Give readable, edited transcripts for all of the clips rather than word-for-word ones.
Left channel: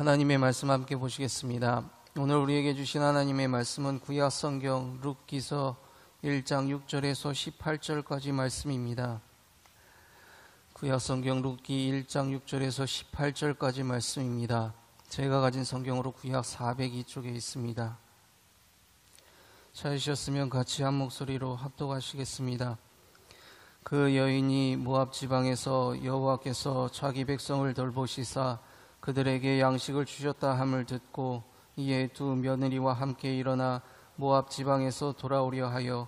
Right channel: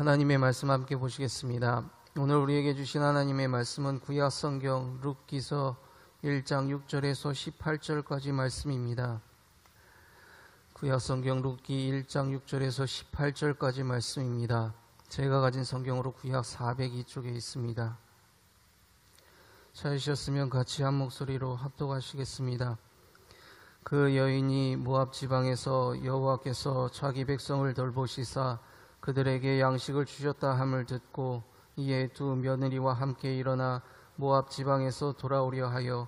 하나님의 말씀 함께 보시겠습니다. 오늘 우리에게 주신 하나님의 말씀은 구약 성경 룻기서 1장 6절에서 18절까지 말씀입니다. 구약 성경 룻기 1장 6절에서 18절까지 말씀입니다. 제가 가진 성경으로 구약 402쪽에 있습니다. 찾으셨으면 같이 한 목소리로 합독하시겠습니다. 그 여인이 모압 지방에서 여호와께서 자기 백성을 돌보시사 그들에게 양식을 주셨다 함을 듣고 이에 두 며느리와 함께 일어나 모압 지방에서 돌아오려 하여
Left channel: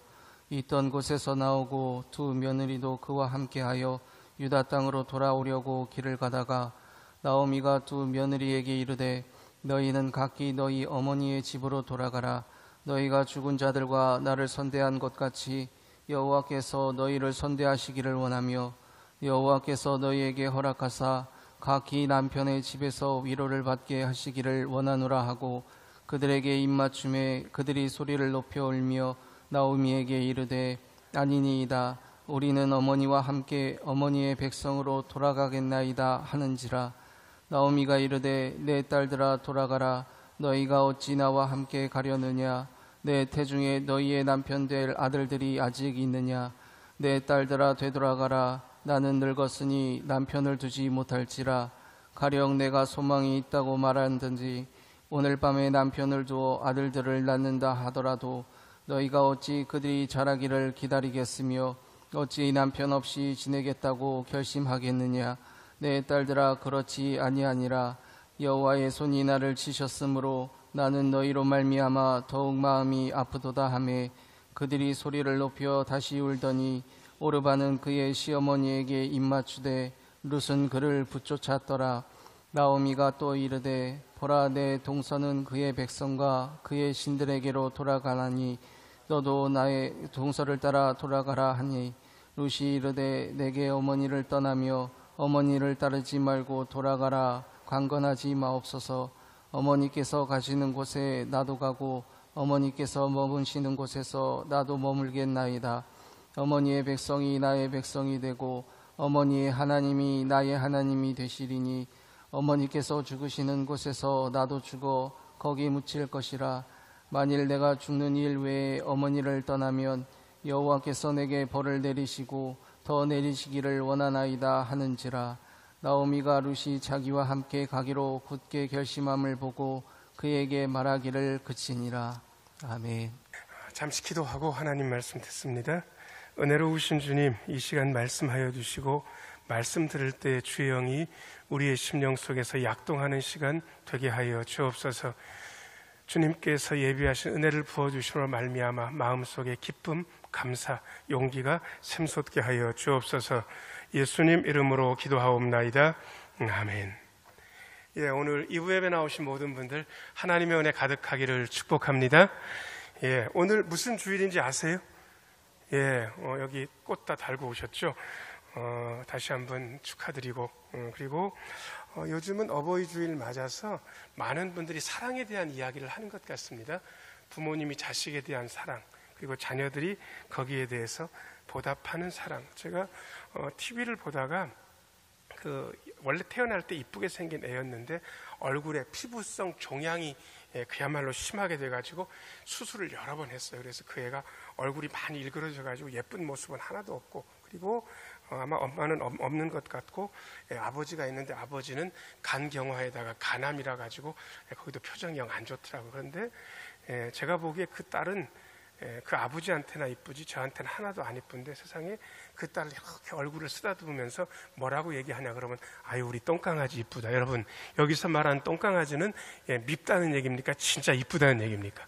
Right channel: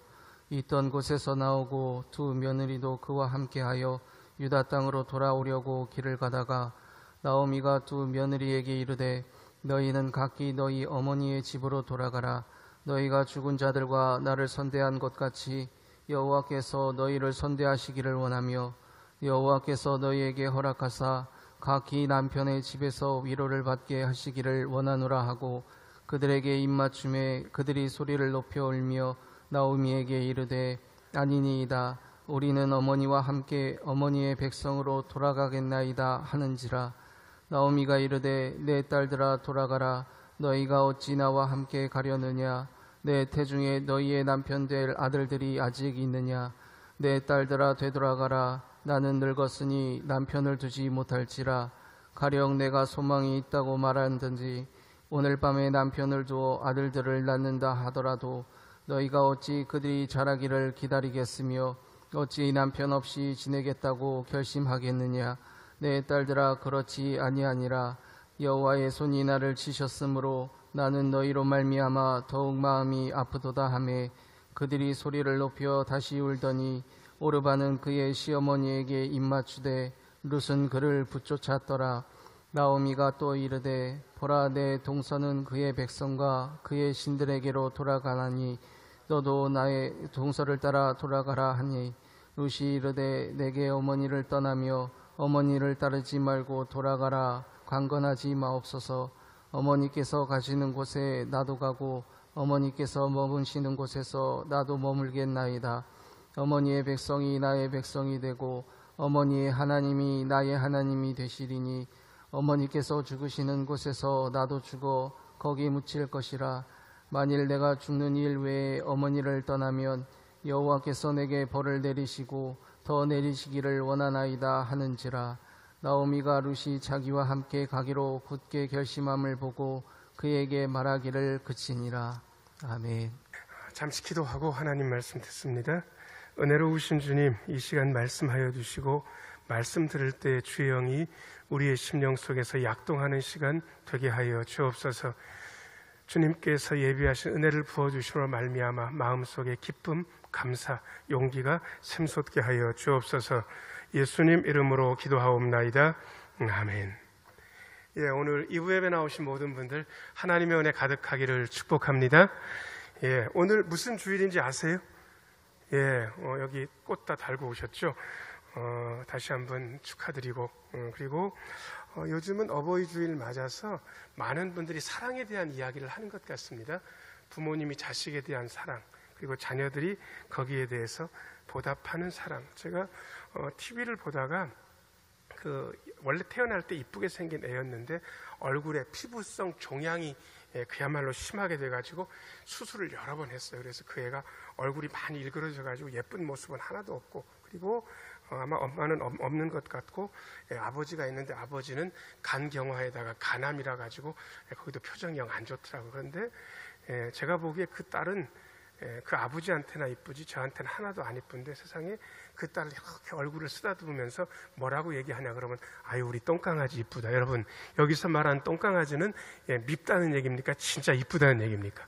있던 곳에서 나오고 두 며느리도 그와 함께하여 유다 땅으로 돌아오려고 길을 가다가 나오미가 두 며느리에게 이르되 너희는 각기 너희 어머니의 집으로 돌아가라. 너희가 죽은 자들과 나를 선대한 것 같이 여호와께서 너희를 선대하시기를 원하며 여호와께서 너희에게 허락하사 각기 남편의 집에서 위로를 받게 하시기를 원하노라 하고 그들에게 입맞춤에 그들이 소리를 높여 울며 나오미에게 이르되 아니니이다. 우리는 어머니와 함께 어머니의 백성으로 돌아가겠나이다 하는지라. 나오미가 이르되 내 딸들아 돌아가라. 너희가 어찌 나와 함께 가려느냐. 내 태중에 너희의 남편 될 아들들이 아직 있느냐. 내 딸들아 되돌아가라. 나는 늙었으니 남편을 두지 못할지라. 가령 내가 소망이 있다고 말한든지 오늘 밤에 남편을 두어 아들들을 낳는다 하더라도 너희가 어찌 그들이 자라기를 기다리겠으며 어찌 남편 없이 지내겠다고 결심하겠느냐. 내 딸들아 그렇지 아니하니라. 여호와의 손이 나를 치셨으므로 나는 너희로 말미암아 더욱 마음이 아프도다 하매 그들이 소리를 높여 다시 울더니 오르바는 그의 시어머니에게 입맞추되 룻은 그를 붙쫓았더라. 나오미가 또 이르되 보라 내 동서는 그의 백성과 그의 신들에게로 돌아가나니 너도 나의 동서를 따라 돌아가라 하니 룻이 이르되 내게 어머니를 떠나며 어머니를 따르지 말고 돌아가라. 강건하지 마옵소서. 어머니께서 가시는 곳에 나도 가고 어머니께서 머무시는 곳에서 나도 머물겠나이다. 어머니의 백성이 나의 백성이 되고 어머니의 하나님이 나의 하나님이 되시리니 어머니께서 죽으시는 곳에서 나도 죽어 거기 묻힐 것이라. 만일 내가 죽는 일 외에 어머니를 떠나면 여호와께서 내게 벌을 내리시고 더 내리시기를 원하나이다 하는지라. 나오미가 룻이 자기와 함께 가기로 굳게 결심함을 보고 그에게 말하기를 그치니라. 아멘. 잠시 기도하고 하나님 말씀 듣습니다. 은혜로우신 주님, 이 시간 말씀하여 주시고 말씀 들을 때 주의 영이 우리의 심령 속에서 약동하는 시간 되게 하여 주옵소서. 주님께서 예비하신 은혜를 부어주시므로 말미암아 마음속에 기쁨, 감사, 용기가 샘솟게 하여 주옵소서. 예수님 이름으로 기도하옵나이다. 아멘. 오늘 2부 예배 나오신 모든 분들 하나님의 은혜 가득하기를 축복합니다. 오늘 무슨 주일인지 아세요? 여기 꽃 다 달고 오셨죠? 다시 한번 축하드리고, 그리고 요즘은 어버이 주일 맞아서 많은 분들이 사랑에 대한 이야기를 하는 것 같습니다. 부모님이 자식에 대한 사랑, 그리고 자녀들이 거기에 대해서 보답하는 사랑. 제가 TV를 보다가 원래 태어날 때 이쁘게 생긴 애였는데 얼굴에 피부성 종양이 그야말로 심하게 돼가지고 수술을 여러 번 했어요. 그래서 그 애가 얼굴이 많이 일그러져가지고 예쁜 모습은 하나도 없고, 그리고 아마 엄마는 없는 것 같고 아버지가 있는데 아버지는 간경화에다가 간암이라 가지고 거기도 표정이 영 안 좋더라고요. 그런데 제가 보기에 그 딸은 그 아버지한테나 이쁘지 저한테는 하나도 안 이쁜데 세상에 그 딸을 이렇게 얼굴을 쓰다듬으면서 뭐라고 얘기하냐 그러면 아유 우리 똥강아지 이쁘다. 여러분 여기서 말하는 똥강아지는 밉다는 얘기입니까? 진짜 이쁘다는 얘기입니까?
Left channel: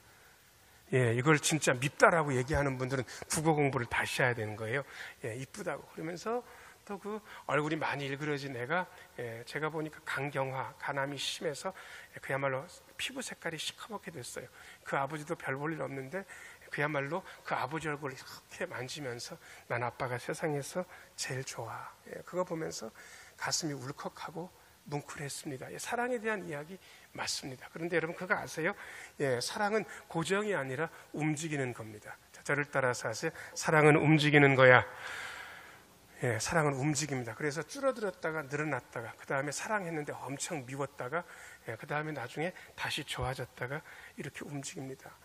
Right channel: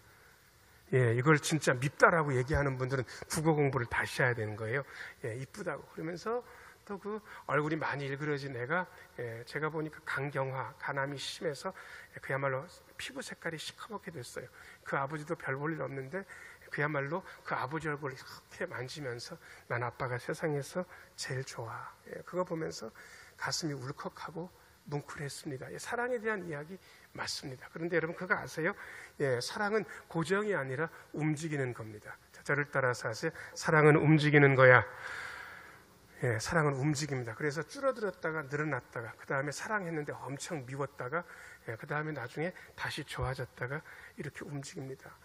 이걸 진짜 밉다라고 얘기하는 분들은 국어 공부를 다시 해야 되는 거예요. 이쁘다고. 그러면서 또 그 얼굴이 많이 일그러진 애가 제가 보니까 간경화, 간암이 심해서 그야말로 피부 색깔이 시커멓게 됐어요. 그 아버지도 별 볼 일 없는데 그야말로 그 아버지 얼굴을 이렇게 만지면서 난 아빠가 세상에서 제일 좋아. 그거 보면서 가슴이 울컥하고 뭉클했습니다. 사랑에 대한 이야기 맞습니다. 그런데 여러분 그거 아세요? 사랑은 고정이 아니라 움직이는 겁니다. 저를 따라서 하세요. 사랑은 움직이는 거야. 사랑은 움직입니다. 그래서 줄어들었다가 늘어났다가 그 다음에 사랑했는데 엄청 미웠다가 그 다음에 나중에 다시 좋아졌다가 이렇게 움직입니다.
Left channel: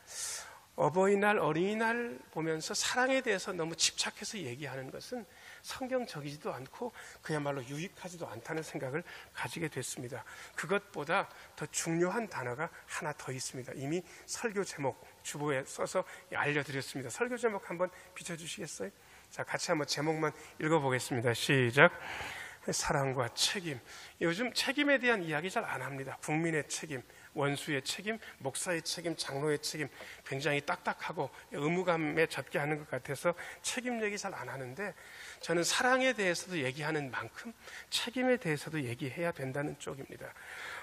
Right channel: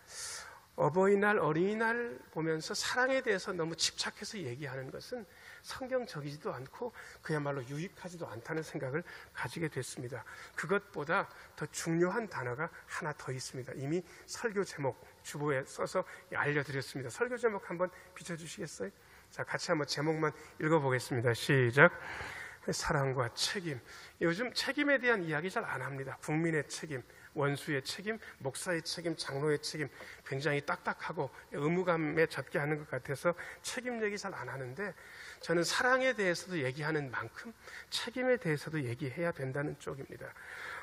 어버이날, 어린이날 보면서 사랑에 대해서 너무 집착해서 얘기하는 것은 성경적이지도 않고 그야말로 유익하지도 않다는 생각을 가지게 됐습니다. 그것보다 더 중요한 단어가 하나 더 있습니다. 이미 설교 제목 주보에 써서 알려드렸습니다. 설교 제목 한번 비춰주시겠어요? 자, 같이 한번 제목만 읽어보겠습니다. 시작. 사랑과 책임. 요즘 책임에 대한 이야기 잘 안 합니다. 국민의 책임, 원수의 책임, 목사의 책임, 장로의 책임, 굉장히 딱딱하고 의무감에 젖게 하는 것 같아서 책임 얘기 잘 안 하는데, 저는 사랑에 대해서도 얘기하는 만큼 책임에 대해서도 얘기해야 된다는 쪽입니다.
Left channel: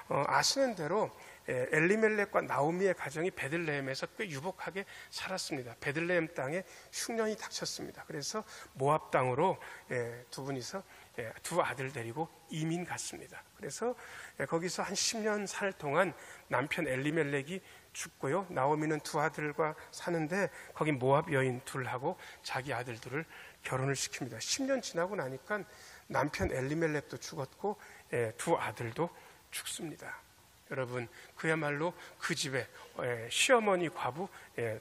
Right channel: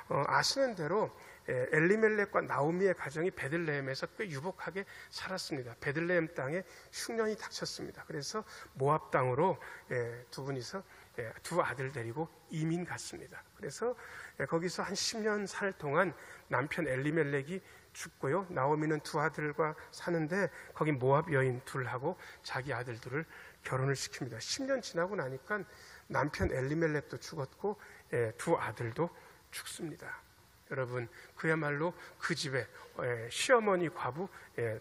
아시는 대로 엘리멜렉과 나오미의 가정이 베들레헴에서 꽤 유복하게 살았습니다. 베들레헴 땅에 흉년이 닥쳤습니다. 그래서 모압 땅으로 두 분이서 두 아들 데리고 이민 갔습니다. 그래서 거기서 한 10년 살 동안 남편 엘리멜렉이 죽고요. 나오미는 두 아들과 사는데 거기 모압 여인 둘하고 자기 아들들을 결혼을 시킵니다. 10년 지나고 나니까 남편 엘리멜렉도 죽었고 두 아들도 죽습니다. 여러분, 그야말로 그 집에 시어머니 과부,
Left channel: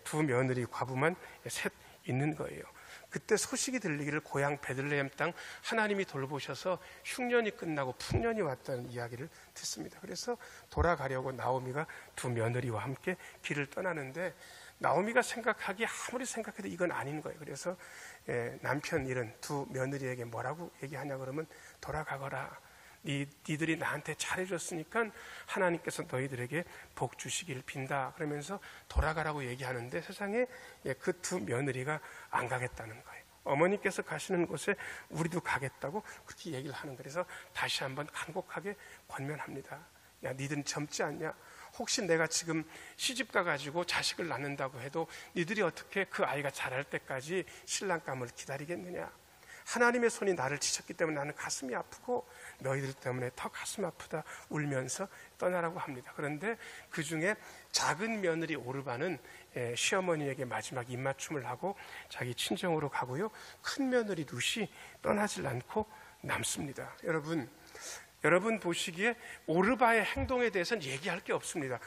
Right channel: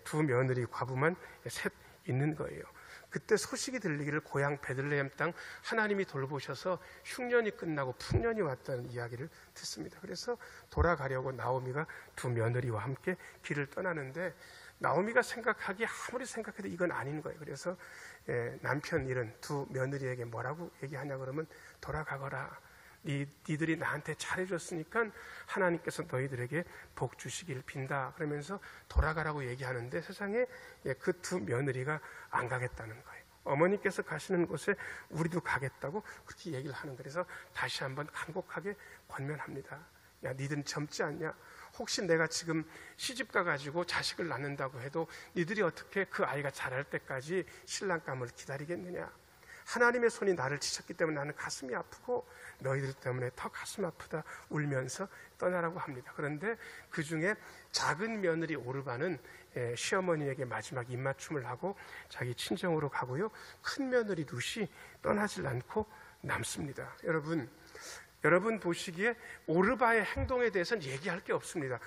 두 며느리 과부만 셋 있는 거예요. 그때 소식이 들리기를 고향 베들레헴 땅 하나님이 돌보셔서 흉년이 끝나고 풍년이 왔다는 이야기를 듣습니다. 그래서 돌아가려고 나오미가 두 며느리와 함께 길을 떠나는데, 나오미가 생각하기에 아무리 생각해도 이건 아닌 거예요. 그래서 남편 이런 두 며느리에게 뭐라고 얘기하냐 그러면, 돌아가거라. 니들이 나한테 잘해줬으니까 하나님께서 너희들에게 복 주시길 빈다. 그러면서 돌아가라고 얘기하는데, 세상에 그 두 며느리가 안 가겠다는 거예요. 어머니께서 가시는 곳에 우리도 가겠다고 그렇게 얘기를 하는 거예요. 그래서 다시 한번 간곡하게 권면합니다. 야, 니들은 젊지 않냐? 혹시 내가 지금 시집 가가지고 자식을 낳는다고 해도 니들이 어떻게 그 아이가 자랄 때까지 신랑감을 기다리겠느냐? 하나님의 손이 나를 치셨기 때문에 나는 가슴이 아프고 너희들 때문에 더 가슴 아프다 울면서 떠나라고 합니다. 그런데 그 중에 작은 며느리 오르바는 시어머니에게 마지막 입맞춤을 하고 자기 친정으로 가고요. 큰 며느리 룻이 떠나질 않고 남습니다. 여러분 보시기에 오르바의 행동에 대해서는 얘기할 게 없습니다.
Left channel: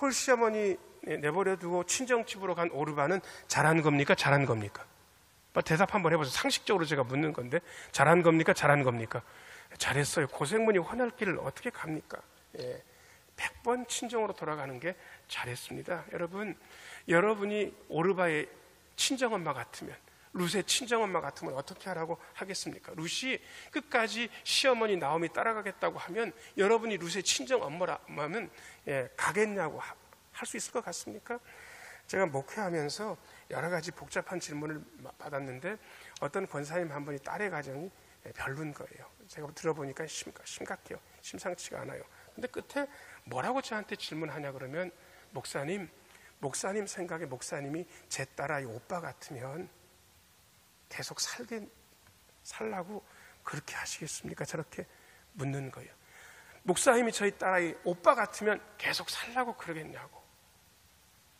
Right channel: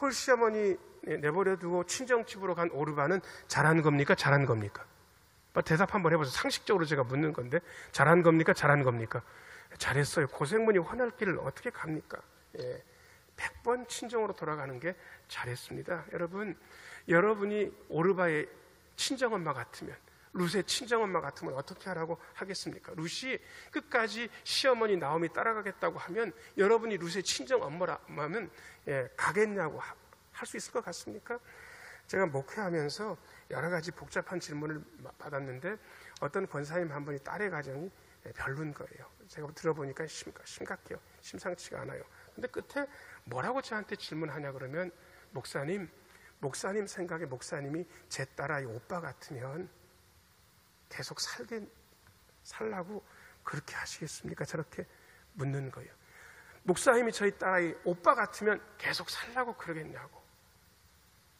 홀 시어머니 내버려두고 친정집으로 간 오르바는 잘한 겁니까? 잘한 겁니까? 대답 한번 해보세요. 상식적으로 제가 묻는 건데, 잘한 겁니까? 잘한 겁니까? 잘했어요. 고생문이 헌할 길을 어떻게 갑니까? 100번 친정으로 돌아가는 게 잘했습니다. 여러분이 오르바의 친정엄마 같으면, 룻의 친정엄마 같으면 어떻게 하라고 하겠습니까? 룻이 끝까지 시어머니 나오미 따라가겠다고 하면 여러분이 룻의 친정엄마라면 가겠냐고 할 수 있을 것 같습니까? 제가 목회하면서 여러 가지 복잡한 질문을 받았는데, 어떤 권사님 한 분이 딸의 가정이 별로인 거예요. 제가 들어보니까 심각해요. 심상치가 않아요. 근데 끝에 뭐라고 저한테 질문하냐 그러면, 목사님 생각에 목사님이 제 딸아이 오빠 같으면 계속 살라고 그렇게 하시겠습니까? 저렇게 묻는 거예요. 목사님이 저희 딸아이 오빠 같으면 계속 살라고 그러겠냐고.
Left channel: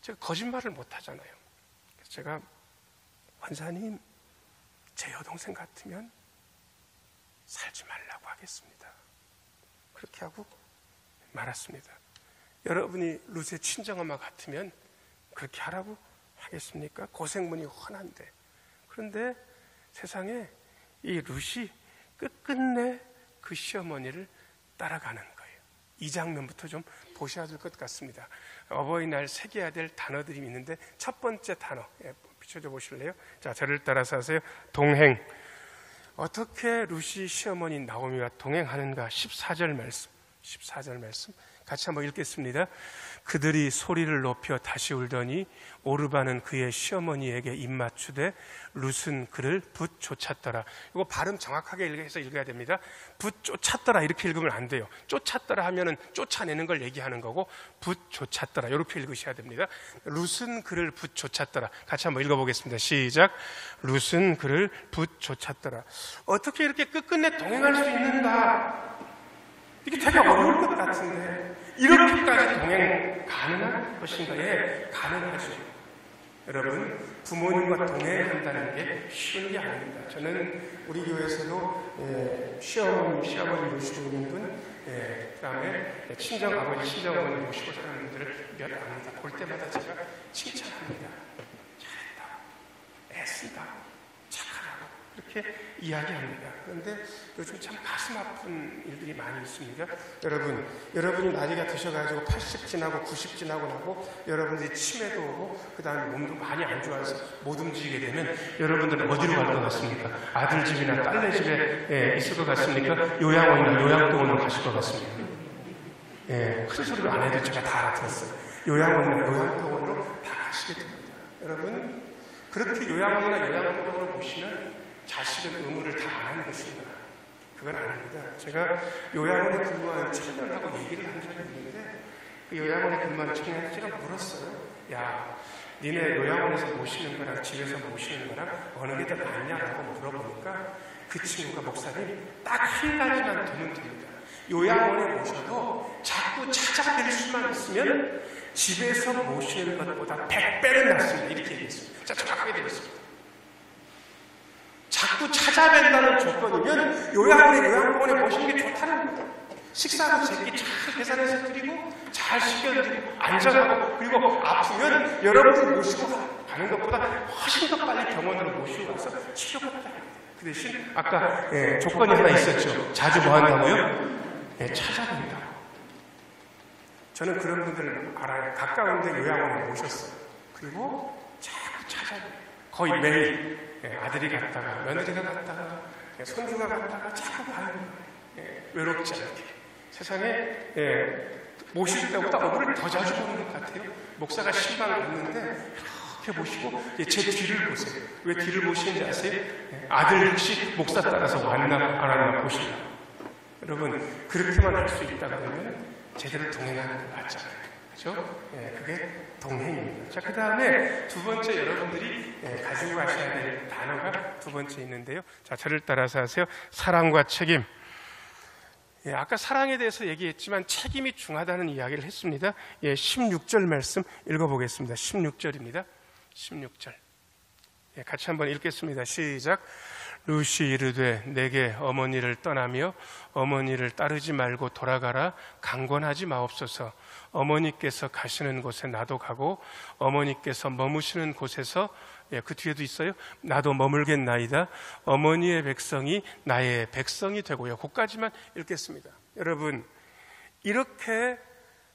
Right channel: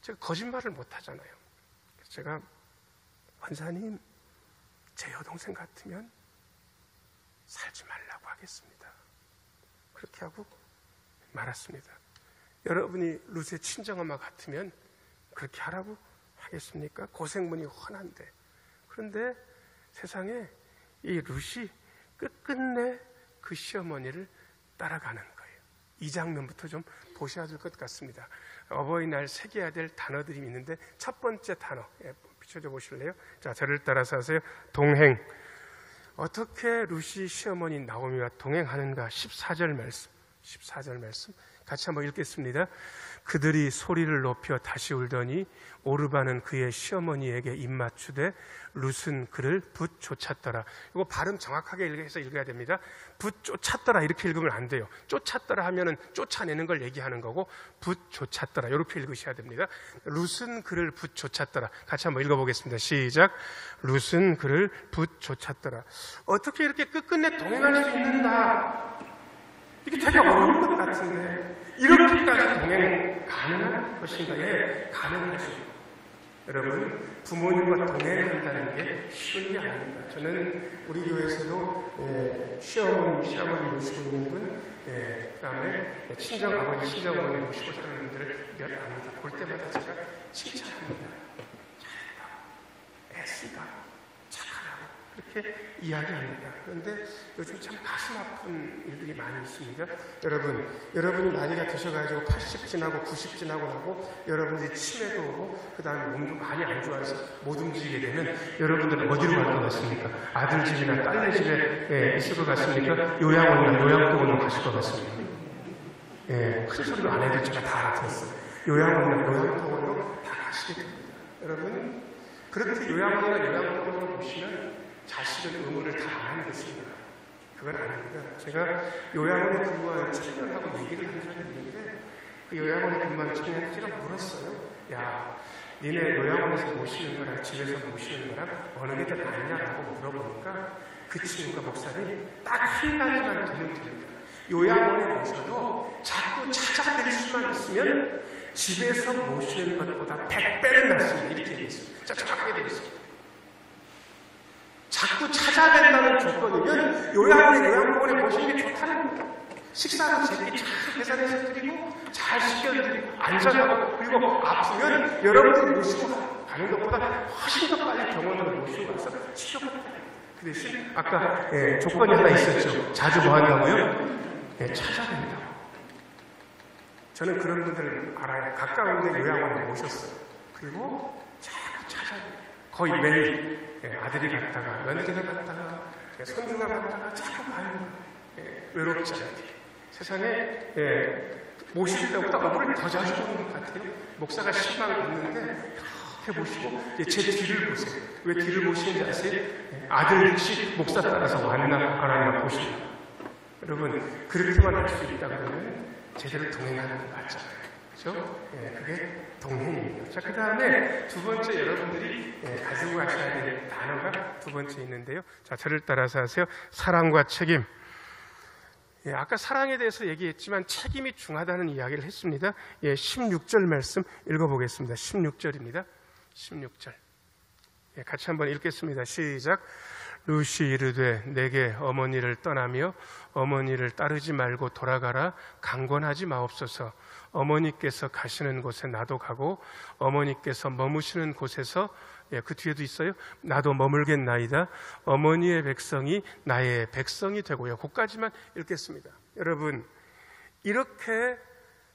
제가 거짓말을 못 하잖아요. 그래서 제가, 권사님, 제 여동생 같으면 살지 말라고 하겠습니다. 그렇게 하고 말았습니다. 여러분이 룻의 친정엄마 같으면 그렇게 하라고 하겠습니까? 고생문이 훤한데. 그런데 세상에 이 룻이 끝끝내 그 시어머니를 따라가는 거예요. 이 장면부터 좀 보셔야 될 것 같습니다. 어버이날 새겨야 될 단어들이 있는데, 첫 번째 단어 비춰줘 보실래요? 자, 저를 따라서 하세요. 동행. 어떻게 룻이 시어머니 나오미와 동행하는가? 14절 말씀 같이 한번 읽겠습니다. 그들이 소리를 높여 다시 울더니 오르바는 그의 시어머니에게 입맞추되 룻은 그를 붙쫓았더라. 이거 발음 정확하게 해서 읽어야 됩니다. 붙쫓았더라 이렇게 읽으면 안 돼요. 쫓았더라 하면은 쫓아내는 걸 얘기하는 거고, 붙쫓았더라 이렇게 읽으셔야 됩니다. 룻은 그를 붙쫓았더라. 같이 한번 읽어보겠습니다. 시작. 룻은 그를 붙쫓았더라. 어떻게 이렇게 끝끝내 동행할 수 있는가? 이게 되게 어려울 것 같은데 이렇게까지 동행 가능한 것인가? 네, 가능한 것이죠. 여러분, 부모님과 동행한다는 게 쉬운 게 아닙니다. 저는 우리 교회에서도 시어머니 모시고 있는 분 그다음에 친정 아버지, 친정 어머니 모시고 사는 분들을 몇 압니다. 볼 때마다 제가 칭찬합니다. 잘했다, 애쓰다, 착하다 이렇게 이야기합니다. 그런데 요즘 참 가슴 아픈 일들이 많이 있습니다. 여러분이 나이가 드셔가지고 80 지나고 90 지나고 나고 여러분들이 치매도 오고 그 다음에 몸도 많이 안 좋아해서 못 움직이게 되면 여러분들은 어디로 갈 것 같습니까? 아들 집이나 딸네 집에 있을 것 같습니까? 요양원이나 요양병원으로 가실 것 같습니다. 큰 소리로 안 해도 제가 다 알아들었어요. 요양원이나 요양병원으로 다 가시게 됩니다. 여러분 그렇게 요양원이나 요양병원을 보시면 자식의 의무를 다 안 하겠습니다. 그건 아닙니다. 제가 요양원에 근무하는 청년하고 얘기를 한 적이 있는데 요양원에 근무하는 청년한테 제가 물었어요. 야, 니네 요양원에서 모시는 거랑 집에서 모시는 거랑 어느 게 더 낫냐라고 물어보니까 그 친구가 목사님 딱 한 가지만 들으면 됩니다. 요양원에 모셔도 자꾸 찾아낼 수만 있으면 집에서 모시는 것보다 100배는 낫습니다. 이렇게 얘기했습니다. 자꾸 되겠습니다. 자꾸 찾아낸다는 조건이면 요양원에 모시는 게 좋다는 겁니다. 식사는 제게 잘 계산해서 드리고 잘 시켜드리고 안전하고 그리고 아프면 여러분들 모시고 가는 것보다 훨씬 더 빨리 병원을 모시고 가서 치료받다. 그 대신 아까 조건이 하나 있었죠. 자주 뭐 한다고요? 찾아낸다. 저는 그런 분들을 알아요. 가까운 데 요양원에 모셨어요. 그리고 자꾸 찾아내요. 거의 매일 아들이 갔다가 며느리가 갔다가 손주가 갔다가 자꾸 가요. 외롭지 않게. 세상에 모실 때보다 어머니를 더 자주 보는 것 같아요. 목사가 신방을 갔는데 그렇게 모시고 제 뒤를 보세요. 왜 뒤를 보시는지 아세요? 아들 혹시 목사 따라서 왔나 안 하나 보시고. 여러분 그렇게만 할 수 있다 그러면 제대로 동행하는 게 맞잖아요. 그렇죠? 그게 동행입니다. 자, 그 다음에 두 번째 여러분들이 가지고 가셔야 될 단어가 두 번째 있는데요. 자, 저를 따라서 하세요. 사랑과 책임. 아까 사랑에 대해서 얘기했지만 책임이 중하다는 이야기를 했습니다. 16절 말씀 읽어보겠습니다. 16절입니다. 16절. 같이 한번 읽겠습니다. 시작. 루시 이르되 내게 어머니를 떠나며 어머니를 따르지 말고 돌아가라. 강권하지 마옵소서. 어머니께서 가시는 곳에 나도 가고 어머니께서 머무시는 곳에서 그 뒤에도 있어요. 나도 머물겠나이다. 어머니의 백성이 나의 백성이 되고요. 거기까지만 읽겠습니다. 여러분 이렇게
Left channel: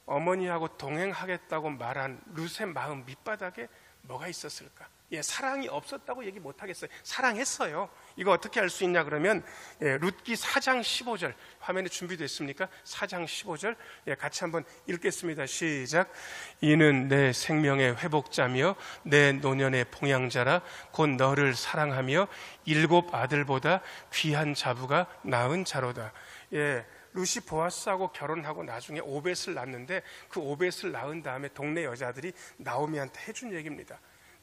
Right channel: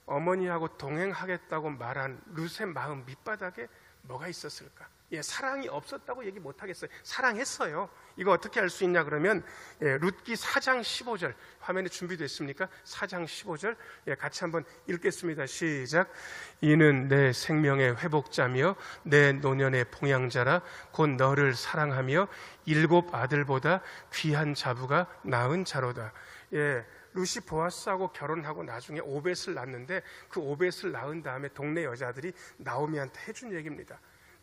어머니하고 동행하겠다고 말한 룻의 마음 밑바닥에 뭐가 있었을까? 사랑이 없었다고 얘기 못하겠어요. 사랑했어요. 이거 어떻게 알 수 있냐 그러면 룻기 4장 15절 화면에 준비됐습니까? 4장 15절 같이 한번 읽겠습니다. 시작. 이는 내 생명의 회복자며 내 노년의 봉양자라 곧 너를 사랑하며 7 아들보다 귀한 자부가 낳은 자로다. 룻이 보아스하고 결혼하고 나중에 오벳을 낳는데 그 오벳을 낳은 다음에 동네 여자들이 나오미한테 해준 얘기입니다.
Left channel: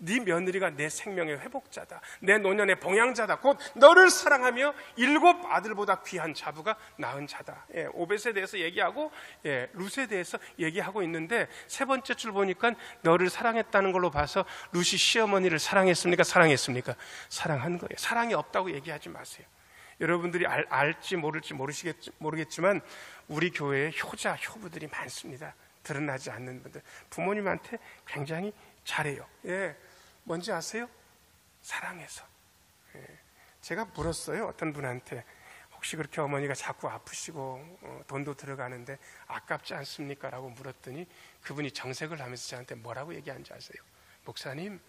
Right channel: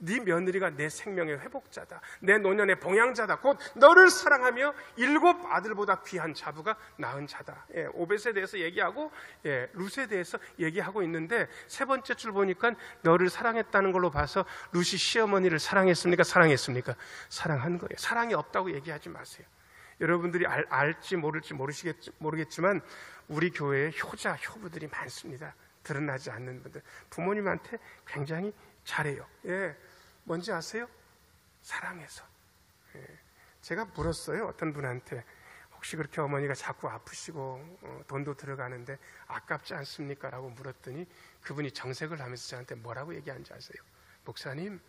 네 며느리가 내 생명의 회복자다. 내 노년의 봉양자다. 곧 너를 사랑하며 7 아들보다 귀한 자부가 낳은 자다. 오벳에 대해서 얘기하고 룻에 대해서 얘기하고 있는데 세 번째 줄 보니까 너를 사랑했다는 걸로 봐서 룻이 시어머니를 사랑했습니까? 사랑했습니까? 사랑한 거예요. 사랑이 없다고 얘기하지 마세요. 여러분들이 알지 모를지 모르겠지만 우리 교회에 효자, 효부들이 많습니다. 드러나지 않는 분들. 부모님한테 굉장히 잘해요. 뭔지 아세요? 사랑해서. 제가 물었어요. 어떤 분한테. 혹시 그렇게 어머니가 자꾸 아프시고 돈도 들어가는데 아깝지 않습니까? 라고 물었더니 그분이 정색을 하면서 저한테 뭐라고 얘기하는지 아세요? 목사님,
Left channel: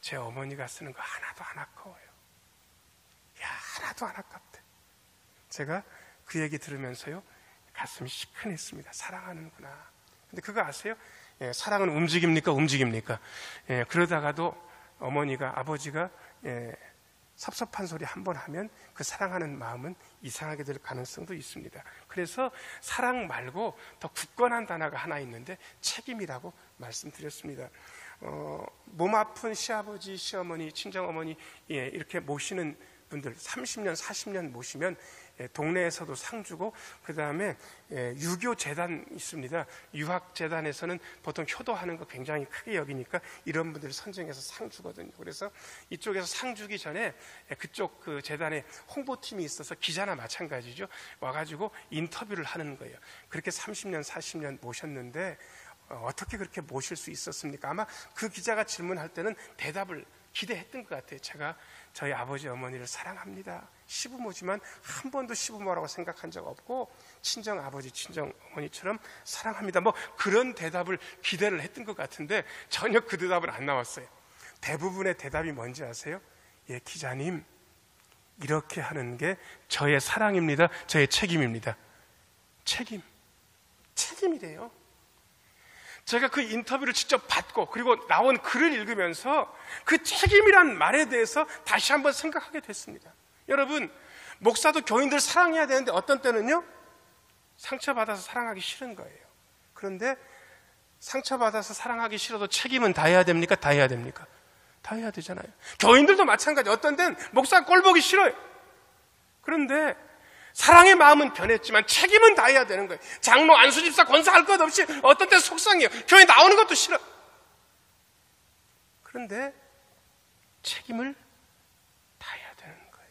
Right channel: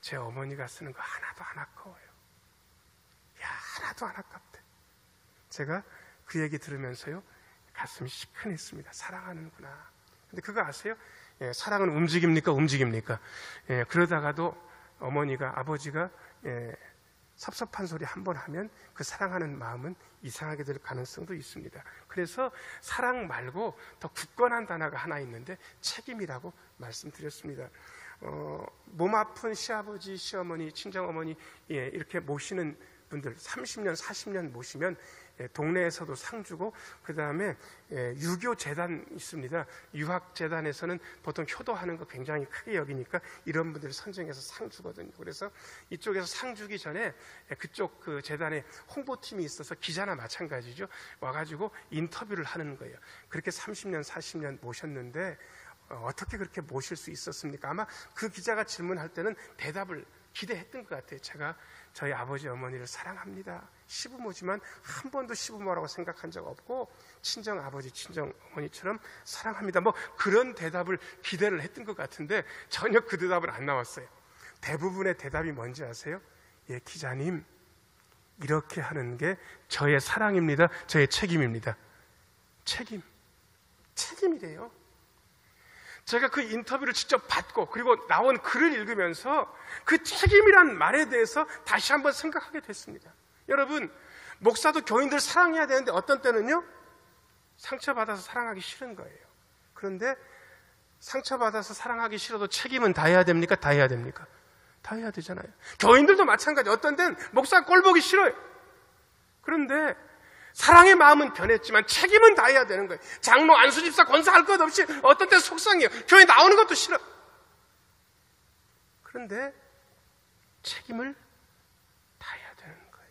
제 어머니가 쓰는 거 하나도 안 아까워요. 하나도 안 아깝대. 제가 그 얘기 들으면서요. 가슴이 시큰했습니다. 사랑하는구나. 근데 그거 아세요? 사랑은 움직입니까? 움직입니까? 그러다가도 어머니가, 아버지가 섭섭한 소리 한 번 하면 그 사랑하는 마음은 이상하게 될 가능성도 있습니다. 그래서 사랑 말고 더 굳건한 단어가 하나 있는데 책임이라고 말씀드렸습니다. 몸 아픈 시아버지, 시어머니, 친정어머니 이렇게 모시는 분들 30년, 40년 모시면 동네에서도 상 주고, 그 다음에 유교 재단 있습니다. 유학 재단에서는 보통 효도하는 거 굉장히 크게 여기니까 이런 분들 선정해서 상 주거든요. 그래서 이쪽에서 상 주기 전에 그쪽 그 재단에 홍보팀이 있어서 기자나 마찬가지죠. 와가지고 인터뷰를 하는 거예요. 그렇게 30년, 40년 모셨는데 어떻게 그렇게 모실 수 있었습니까? 아마 그 기자가 질문할 때는 대답을 기대했던 것 같아요. 제가 저희 아버지 어머니를 사랑합니다. 시부모지만 한 번도 시부모라고 생각한 적 없고 친정 아버지 친정 어머니처럼 사랑합니다. 뭐 그런 대답을 기대를 했던 것 같은데 전혀 그 대답은 안 나왔어요. 대부분의 대답이 뭔지 아세요? 예, 기자님, 이렇게 하는 게 저의 사랑입니다. 저의 책임입니다. 책임이래요. 제가 그 인터뷰를 직접 받고 그리고 나온 글을 읽으면서 그 책임이란 말에 대해서 다시 한번 생각하게 됐습니다. 여러분, 목사도 교인들 사랑해야 되는데 어떤 때는요, 상처받아서 사랑하기 싫은 거예요. 그런데 상처받아서 사랑하기 싫어도 책임은 다해야 됩니까? 다해야 됩니까? 다해야 되잖아요. 교인들도 마찬가지. 어떤 때는 목사 꼴 보기 싫어요. 그런데 사랑의 마음은 변했지만 책임은 다해야 되는 거예요. 장로, 안수집사, 권사할 것 없이 어떤 때 속상해요. 교회 나오는 것도 싫어. 그런데 책임을 다해야 되는 거예요.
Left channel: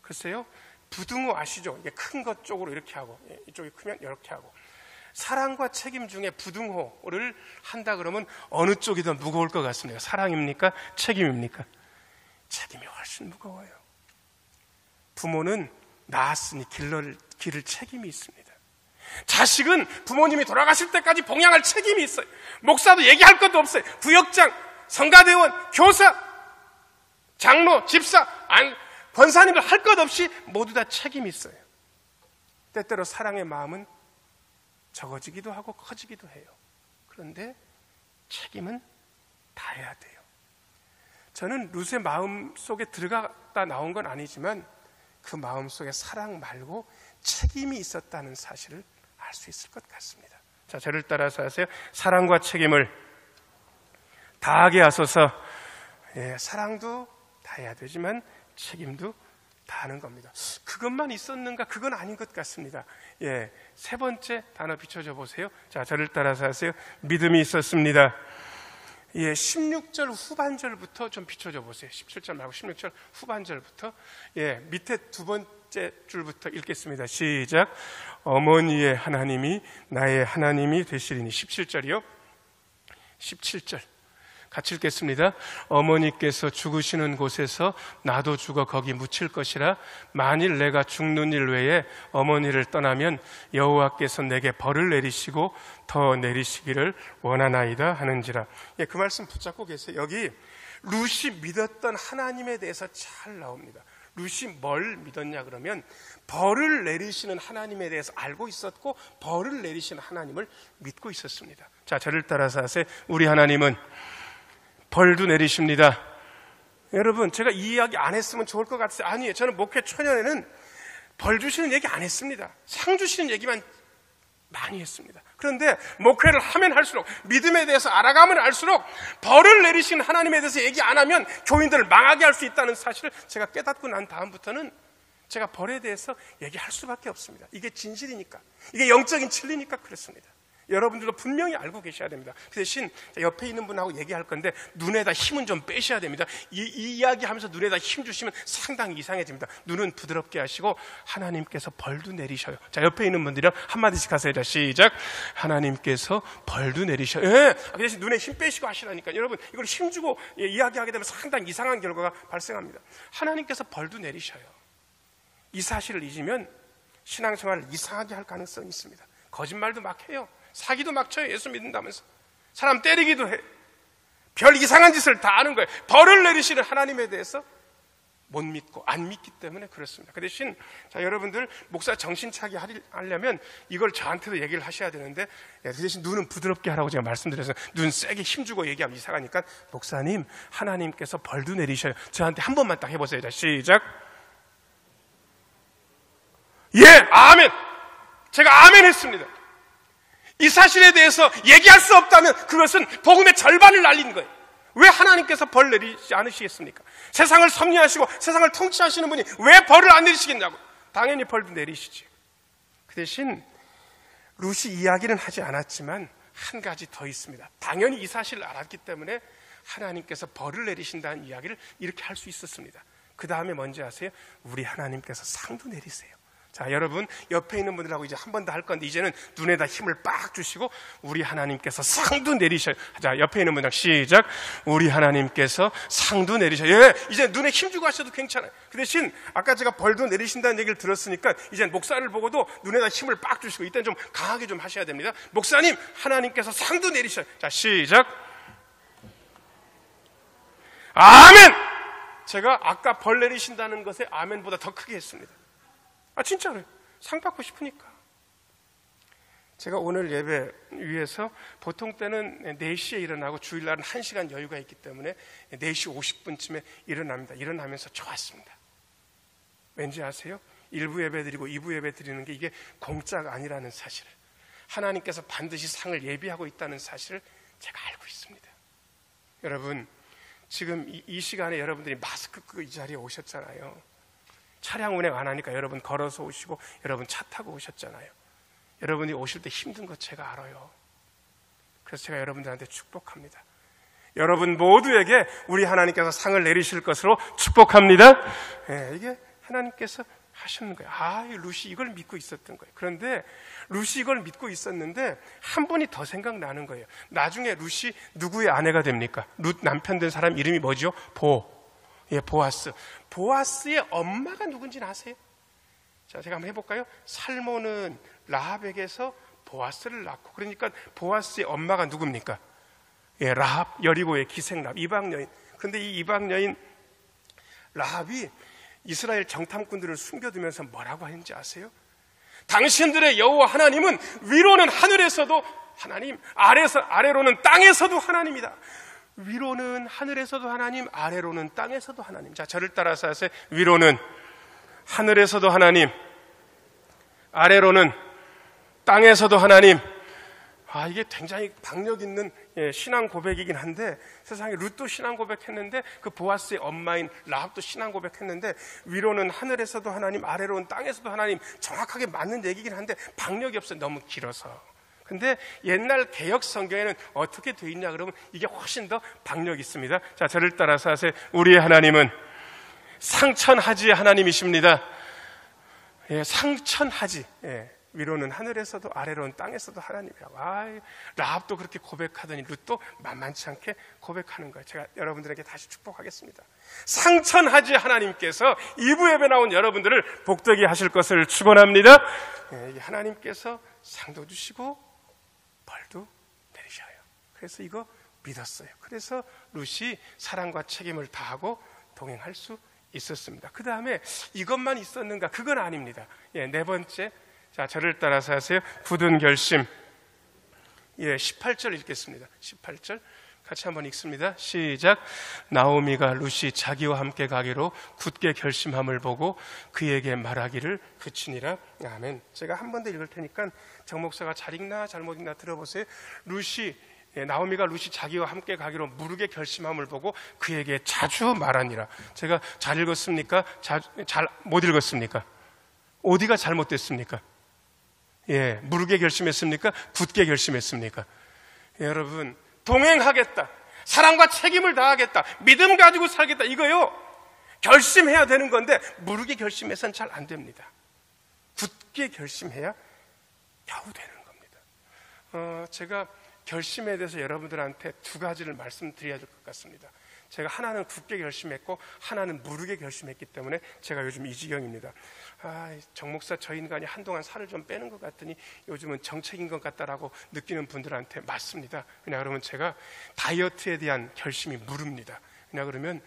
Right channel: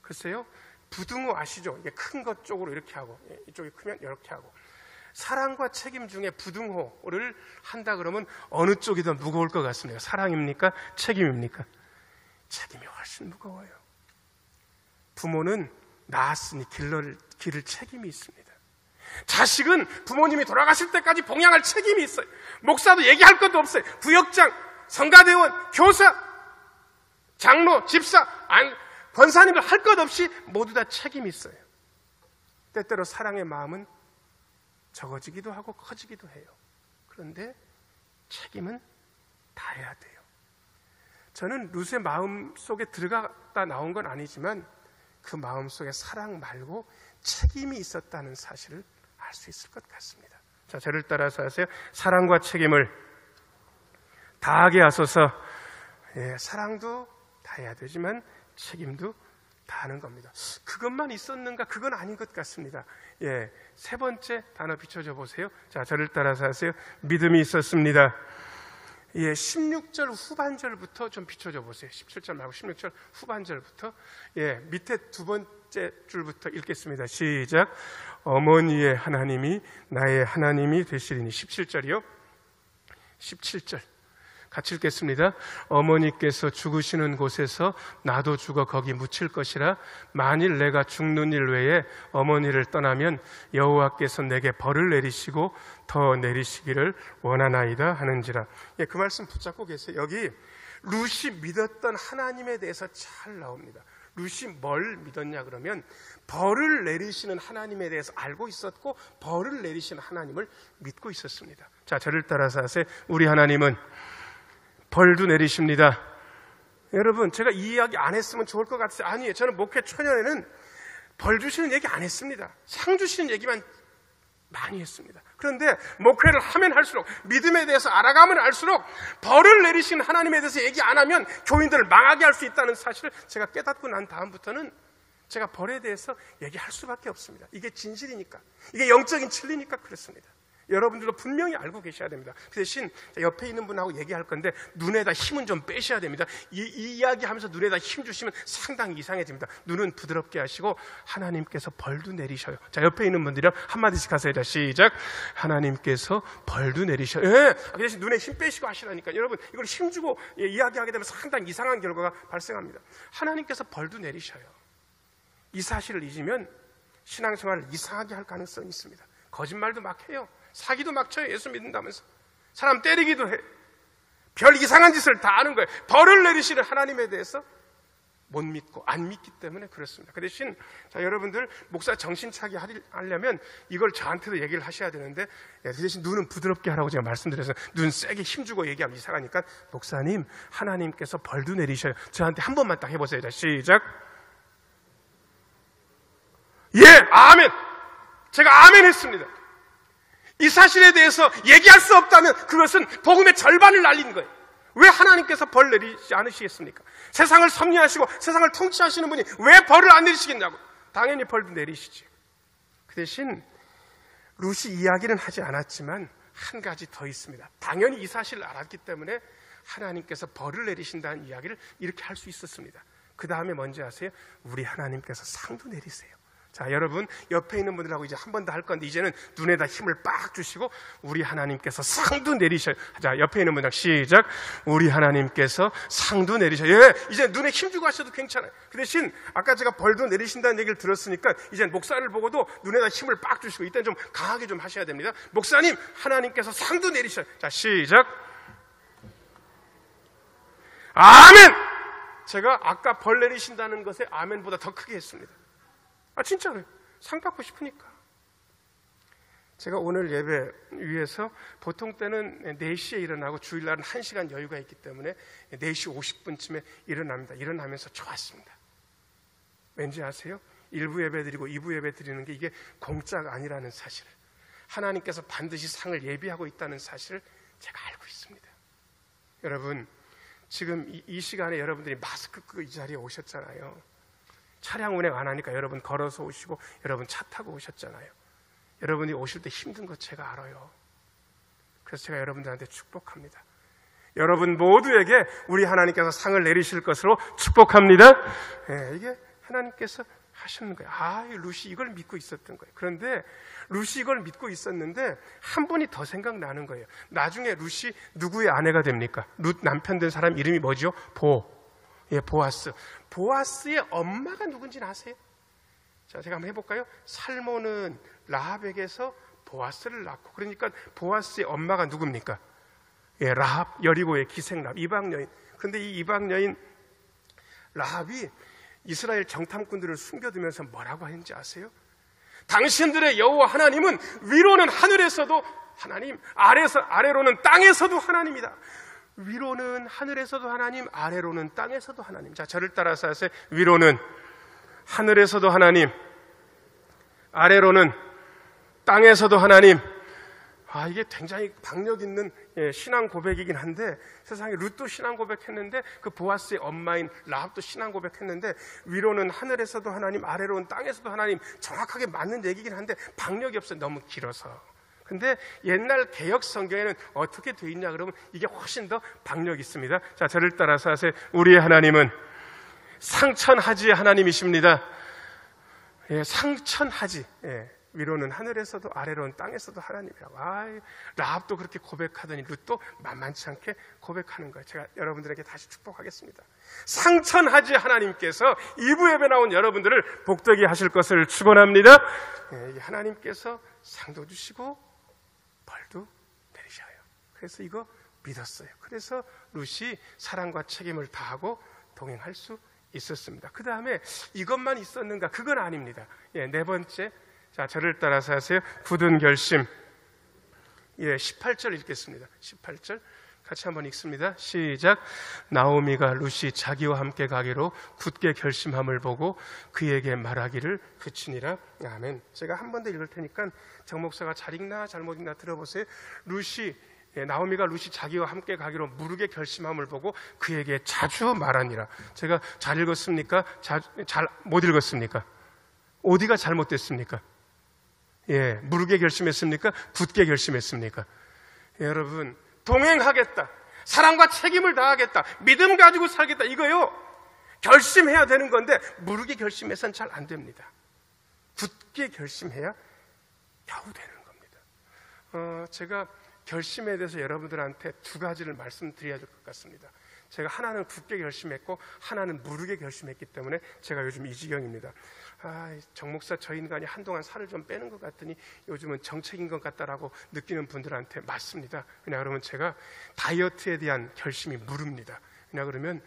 글쎄요, 부등호 아시죠? 이게 큰 것 쪽으로 이렇게 하고 이쪽이 크면 이렇게 하고, 사랑과 책임 중에 부등호를 한다 그러면 어느 쪽이 더 무거울 것 같습니다. 사랑입니까? 책임입니까? 책임이 훨씬 무거워요. 부모는 낳았으니 기를 책임이 있습니다. 자식은 부모님이 돌아가실 때까지 봉양할 책임이 있어요. 목사도 얘기할 것도 없어요. 부역장, 성가대원, 교사, 장로, 집사, 권사님들 할 것 없이 모두 다 책임이 있어요. 때때로 사랑의 마음은 적어지기도 하고 커지기도 해요. 그런데 책임은 다해야 돼요. 저는 룻의 마음 속에 들어갔다 나온 건 아니지만 그 마음 속에 사랑 말고 책임이 있었다는 사실을 알 수 있을 것 같습니다. 자, 저를 따라서 하세요. 사랑과 책임을 다하게 하소서. 사랑도 다해야 되지만 책임도 다하는 겁니다. 그것만 있었는가? 그건 아닌 것 같습니다. 세 번째 단어 비춰줘 보세요. 자, 저를 따라서 하세요. 믿음이 있었습니다. 16절 후반절부터 좀 비춰줘 보세요. 17절 말고 16절 후반절부터. 밑에 두 번째 줄부터 읽겠습니다. 시작. 어머니의 하나님이 나의 하나님이 되시리니. 17절이요. 17절. 같이 읽겠습니다. 어머니께서 죽으시는 곳에서 나도 죽어 거기 묻힐 것이라. 만일 내가 죽는 일 외에 어머니를 떠나면 여호와께서 내게 벌을 내리시고 더 내리시기를 원하나이다 하는지라. 그 말씀 붙잡고 계세요. 여기 룻이 믿었던 하나님에 대해서 잘 나옵니다. 룻이 뭘 믿었냐 그러면 벌을 내리시는 하나님에 대해서 알고 있었고 벌을 내리시는 하나님을 믿고 있었습니다. 자, 저를 따라서 하세요. 우리 하나님은 벌도 내리십니다. 여러분, 제가 이 이야기 안 했으면 좋을 것 같아요. 아니에요. 저는 목회 초년에는 벌 주시는 얘기 안 했습니다. 상 주시는 얘기만 많이 했습니다. 그런데 목회를 하면 할수록, 믿음에 대해서 알아가면 알수록 벌을 내리시는 하나님에 대해서 얘기 안 하면 교인들을 망하게 할 수 있다는 사실을 제가 깨닫고 난 다음부터는 제가 벌에 대해서 얘기할 수밖에 없습니다. 이게 진실이니까, 이게 영적인 진리니까 그렇습니다. 여러분들도 분명히 알고 계셔야 됩니다. 그 대신 옆에 있는 분하고 얘기할 건데 눈에다 힘은 좀 빼셔야 됩니다. 이 이야기하면서 눈에다 힘 주시면 상당히 이상해집니다. 눈은 부드럽게 하시고 하나님께서 벌도 내리셔요. 자, 옆에 있는 분들이랑 한마디씩 하세요. 자, 시작. 하나님께서 벌도 내리셔요. 그 대신 눈에 힘 빼시고 하시라니까. 여러분, 이걸 힘주고 이야기하게 되면 상당히 이상한 결과가 발생합니다. 하나님께서 벌도 내리셔요. 이 사실을 잊으면 신앙생활을 이상하게 할 가능성이 있습니다. 거짓말도 막 해요. 사기도 막 쳐요. 예수 믿는다면서. 사람 때리기도 해. 별 이상한 짓을 다 하는 거예요. 벌을 내리시는 하나님에 대해서 못 믿고 안 믿기 때문에 그렇습니다. 그 대신 자, 여러분들 목사 정신 차게 하려면 이걸 저한테도 얘기를 하셔야 되는데, 그 대신 눈은 부드럽게 하라고 제가 말씀드려서 눈 세게 힘주고 얘기하면 이상하니까 목사님, 하나님께서 벌도 내리셔요. 저한테 한 번만 딱 해보세요. 자, 시작. 아멘. 제가 아멘 했습니다. 이 사실에 대해서 얘기할 수 없다면 그것은 복음의 절반을 날린 거예요. 왜 하나님께서 벌 내리지 않으시겠습니까? 세상을 섭리하시고 세상을 통치하시는 분이 왜 벌을 안 내리시겠냐고. 당연히 벌도 내리시죠. 그 대신 룻이 이야기는 하지 않았지만 한 가지 더 있습니다. 당연히 이 사실을 알았기 때문에 하나님께서 벌을 내리신다는 이야기를 이렇게 할 수 있었습니다. 그 다음에 뭔지 아세요? 우리 하나님께서 상도 내리세요. 자, 여러분 옆에 있는 분들하고 이제 한 번 더 할 건데 이제는 눈에다 힘을 빡 주시고 우리 하나님께서 상도 내리셔요. 자, 옆에 있는 분들 시작. 우리 하나님께서 상도 내리셔요. 예, 이제 눈에 힘 주고 하셔도 괜찮아요. 그 대신 아까 제가 벌도 내리신다는 얘기를 들었으니까 이제 목사를 보고도 눈에다 힘을 빡 주시고 이때는 좀 강하게 좀 하셔야 됩니다. 목사님, 하나님께서 상도 내리셔요. 자, 시작. 아멘! 제가 아까 벌 내리신다는 것에 아멘보다 더 크게 했습니다. 진짜로요. 상 받고 싶으니까. 제가 오늘 예배 위해서 보통 때는 4시에 일어나고 주일날은 1시간 여유가 있기 때문에 4시 50분쯤에 일어납니다. 일어나면서 좋았습니다. 왠지 아세요? 1부 예배 드리고 2부 예배 드리는 게 이게 공짜가 아니라는 사실. 하나님께서 반드시 상을 예비하고 있다는 사실을 제가 알고 있습니다. 여러분, 지금 이 시간에 여러분들이 마스크 끄고 이 자리에 오셨잖아요. 차량 운행 안 하니까 여러분 걸어서 오시고 여러분 차 타고 오셨잖아요. 여러분이 오실 때 힘든 것 제가 알아요. 그래서 제가 여러분들한테 축복합니다. 여러분 모두에게 우리 하나님께서 상을 내리실 것으로 축복합니다. 네, 이게 하나님께서 하시는 거예요. 룻이 이걸 믿고 있었던 거예요. 그런데 룻이 이걸 믿고 있었는데 한 분이 더 생각나는 거예요. 나중에 룻이 누구의 아내가 됩니까? 룻 남편 된 사람 이름이 뭐죠? 보아스. 보아스의 엄마가 누군지는 아세요? 자, 제가 한번 해볼까요? 살몬은 라합에게서 보아스를 낳고, 그러니까 보아스의 엄마가 누굽니까? 라합, 여리고의 기생 라합, 이방 여인. 그런데 이 이방 여인 라합이 이스라엘 정탐꾼들을 숨겨두면서 뭐라고 하는지 아세요? 당신들의 여호와 하나님은 위로는 하늘에서도 하나님, 아래로는 땅에서도 하나님이다. 위로는 하늘에서도 하나님, 아래로는 땅에서도 하나님. 자, 저를 따라서 하세요. 위로는 하늘에서도 하나님, 아래로는 땅에서도 하나님. 이게 굉장히 박력 있는 신앙 고백이긴 한데, 세상에 룻도 신앙 고백했는데, 그 보아스의 엄마인 라합도 신앙 고백했는데, 위로는 하늘에서도 하나님, 아래로는 땅에서도 하나님, 정확하게 맞는 얘기긴 한데 박력이 없어요. 너무 길어서. 근데 옛날 개역 성경에는 어떻게 되어 있냐 그러면 이게 훨씬 더 박력이 있습니다. 자, 저를 따라서 하세요. 우리의 하나님은 상천하지의 하나님이십니다. 상천하지. 위로는 하늘에서도 아래로는 땅에서도 하나님이라고. 라합도 그렇게 고백하더니 룻도 만만치 않게 고백하는 거예요. 제가 여러분들에게 다시 축복하겠습니다. 상천하지 하나님께서 2부 예배 나온 여러분들을 복되게 하실 것을 축원합니다. 하나님께서 상도 주시고 벌도 내리셔요. 그래서 이거 믿었어요. 그래서 룻이 사랑과 책임을 다하고 동행할 수 있었습니다. 그 다음에 이것만 있었는가? 그건 아닙니다. 네 번째. 자, 저를 따라서 하세요. 굳은 결심. 18절 읽겠습니다. 18절. 같이 한번 읽습니다. 시작. 나오미가 룻이 자기와 함께 가기로 굳게 결심함을 보고 그에게 말하기를 그치니라. 아멘. 제가 한 번 더 읽을 테니까 정 목사가 잘 읽나 잘못 읽나 들어보세요. 나오미가 룻이 자기와 함께 가기로 무르게 결심함을 보고 그에게 자주 말하니라. 제가 잘 읽었습니까? 잘 못 읽었습니까? 어디가 잘못됐습니까? 무르게 결심했습니까? 굳게 결심했습니까? 여러분, 동행하겠다. 사랑과 책임을 다하겠다. 믿음 가지고 살겠다. 이거요. 결심해야 되는 건데 무르게 결심해서는 잘 안 됩니다. 굳게 결심해야 겨우 되는 겁니다. 제가 결심에 대해서 여러분들한테 두 가지를 말씀드려야 될 것 같습니다. 제가 하나는 굳게 결심했고 하나는 무르게 결심했기 때문에 제가 요즘 이 지경입니다. 정 목사 저 인간이 한동안 살을 좀 빼는 것 같더니 요즘은 정책인 것 같다라고 느끼는 분들한테 맞습니다. 왜냐 그러면 제가 다이어트에 대한 결심이 무릅니다. 왜냐 그러면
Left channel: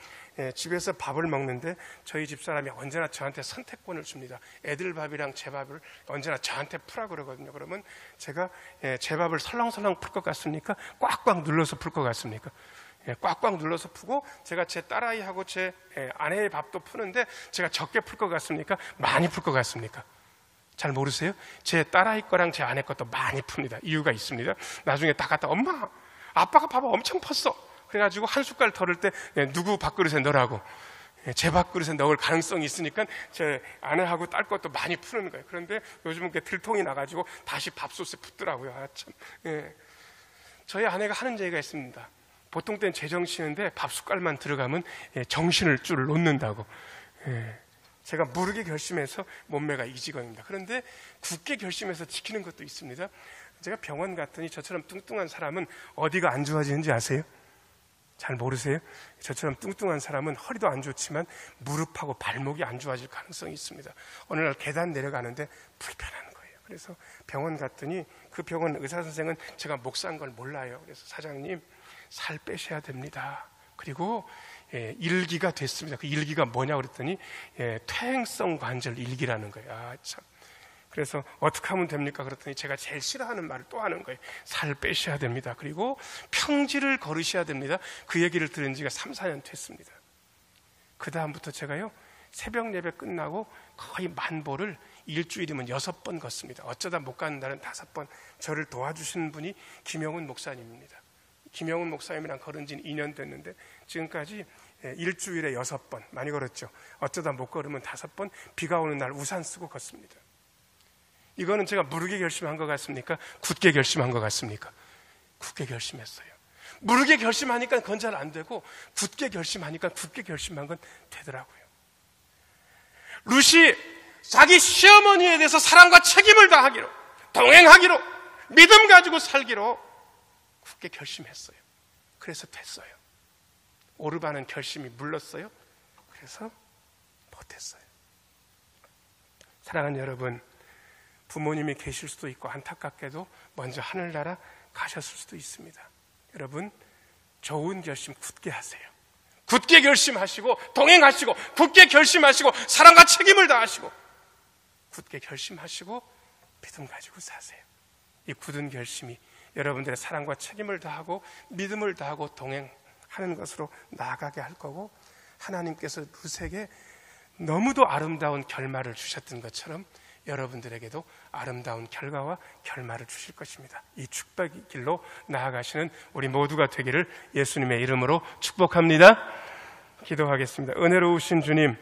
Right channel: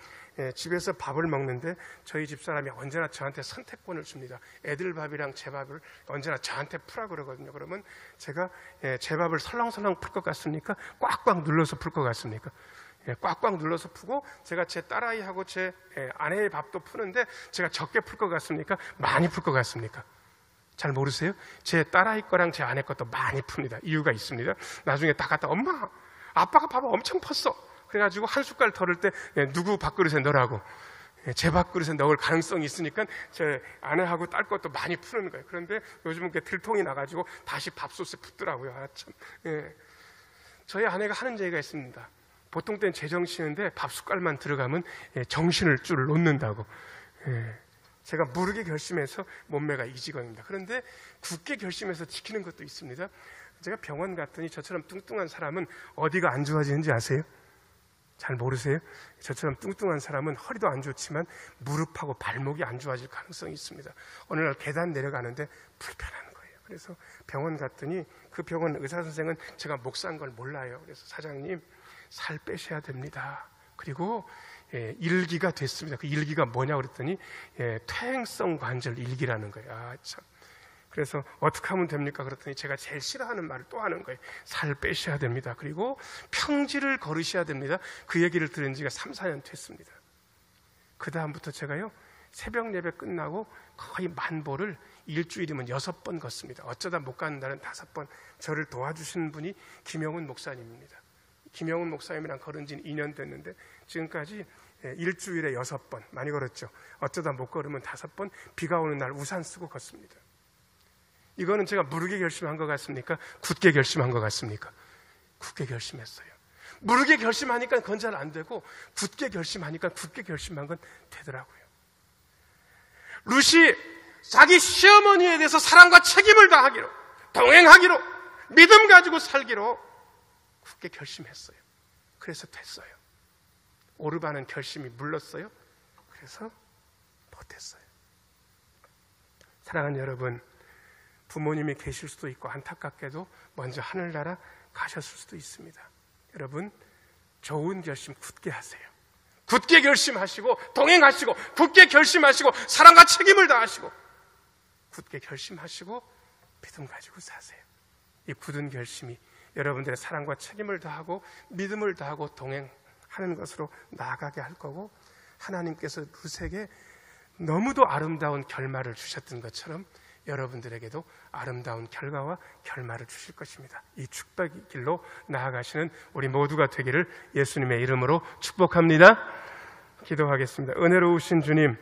집에서 밥을 먹는데 저희 집사람이 언제나 저한테 선택권을 줍니다. 애들 밥이랑 제 밥을 언제나 저한테 풀라 그러거든요. 그러면 제가 제 밥을 설렁설렁 풀 것 같습니까? 꽉꽉 눌러서 풀 것 같습니까? 꽉꽉 눌러서 푸고 제가 제 딸아이하고 제 아내의 밥도 푸는데 제가 적게 풀 것 같습니까? 많이 풀 것 같습니까? 잘 모르세요? 제 딸아이 거랑 제 아내 것도 많이 풉니다. 이유가 있습니다. 나중에 다 갖다 엄마 아빠가 밥을 엄청 펐어. 그래가지고 한 숟갈 덜을 때 누구 밥그릇에 넣으라고 제 밥그릇에 넣을 가능성이 있으니까 제 아내하고 딸 것도 많이 푸는 거예요. 그런데 요즘은 들통이 나가지고 다시 밥솥에 붓더라고요. 아, 참. 예. 저희 아내가 하는 얘기가 있습니다. 보통 때는 제정신인데 밥 숟갈만 들어가면 정신을 줄 놓는다고. 제가 모르게 결심해서 몸매가 이 직원입니다. 그런데 굳게 결심해서 지키는 것도 있습니다. 제가 병원 갔더니 저처럼 뚱뚱한 사람은 어디가 안 좋아지는지 아세요? 잘 모르세요? 저처럼 뚱뚱한 사람은 허리도 안 좋지만 무릎하고 발목이 안 좋아질 가능성이 있습니다. 어느 날 계단 내려가는데 불편한 거예요. 그래서 병원 갔더니 그 병원 의사 선생은 제가 목사인 걸 몰라요. 그래서 사장님, 살 빼셔야 됩니다. 그리고 일기가 됐습니다. 그 일기가 뭐냐고 그랬더니 퇴행성 관절 일기라는 거예요. 아, 참. 그래서 어떻게 하면 됩니까? 그랬더니 제가 제일 싫어하는 말을 또 하는 거예요. 살 빼셔야 됩니다. 그리고 평지를 걸으셔야 됩니다. 그 얘기를 들은 지가 3, 4년 됐습니다. 그 다음부터 제가요, 새벽 예배 끝나고 거의 만보를 일주일이면 6번 걷습니다. 어쩌다 못 가는 날은 5번. 저를 도와주시는 분이 김영훈 목사님입니다. 김영훈 목사님이랑 걸은 지는 2년 됐는데 지금까지 일주일에 6번 많이 걸었죠. 어쩌다 못 걸으면 5번, 비가 오는 날 우산 쓰고 걷습니다. 이거는 제가 무르게 결심한 것 같습니까? 굳게 결심한 것 같습니까? 굳게 결심했어요. 무르게 결심하니까 그건 잘 안 되고 굳게 결심하니까 굳게 결심한 건 되더라고요. 룻이 자기 시어머니에 대해서 사랑과 책임을 다하기로, 동행하기로, 믿음 가지고 살기로 굳게 결심했어요. 그래서 됐어요. 오르바는 결심이 물렀어요. 그래서 못했어요. 사랑하는 여러분, 부모님이 계실 수도 있고 안타깝게도 먼저 하늘나라 가셨을 수도 있습니다. 여러분, 좋은 결심 굳게 하세요. 굳게 결심하시고 동행하시고 굳게 결심하시고 사랑과 책임을 다하시고 굳게 결심하시고 믿음 가지고 사세요. 이 굳은 결심이 여러분들의 사랑과 책임을 다하고 믿음을 다하고 동행하는 것으로 나아가게 할 거고, 하나님께서 룻에게 너무도 아름다운 결말을 주셨던 것처럼 여러분들에게도 아름다운 결과와 결말을 주실 것입니다. 이 축복의 길로 나아가시는 우리 모두가 되기를 예수님의 이름으로 축복합니다. 기도하겠습니다. 은혜로우신 주님,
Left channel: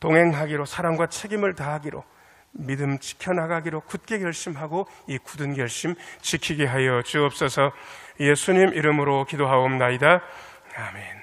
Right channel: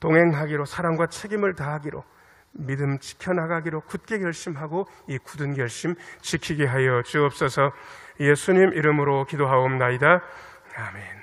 동행하기로, 사랑과 책임을 다하기로, 믿음 지켜나가기로 굳게 결심하고 이 굳은 결심 지키게 하여 주옵소서. 예수님 이름으로 기도하옵나이다. 아멘.